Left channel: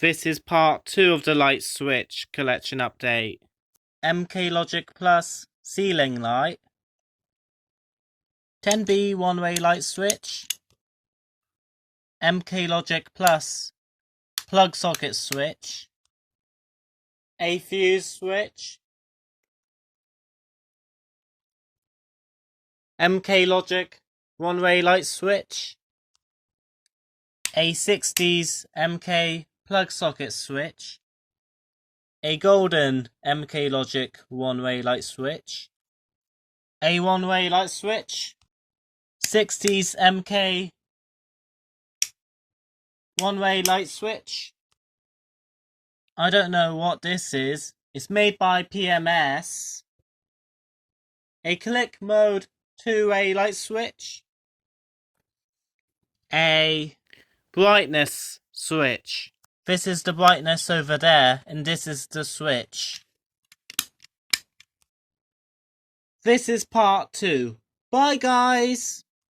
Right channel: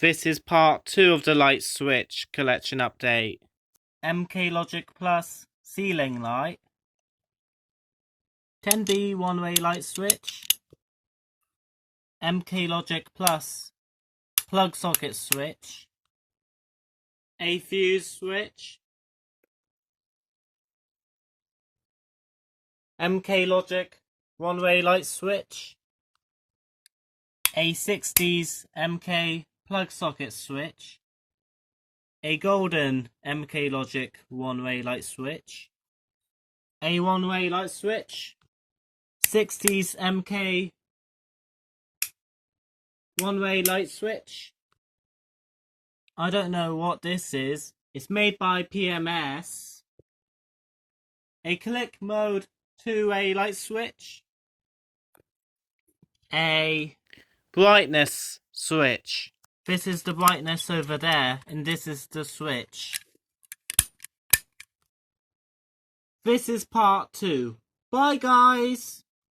This is part 2 of the light switch collection update. MK Logic Plus ceiling light, 10B one-way light switch, MK Logic Plus plug socket switch, a fuse switch, MK Logic one-way light switch, a 60s MK plug socket switch, a golden MK Logic one-way light switch, a one-way light switch, 60s MK one-way light switch. I don't know what this is. It's made by PMS. A click mode two-way light switch. A brightness switch. This is the brightness over there, and this is the switch. This is part 2. Bye guys!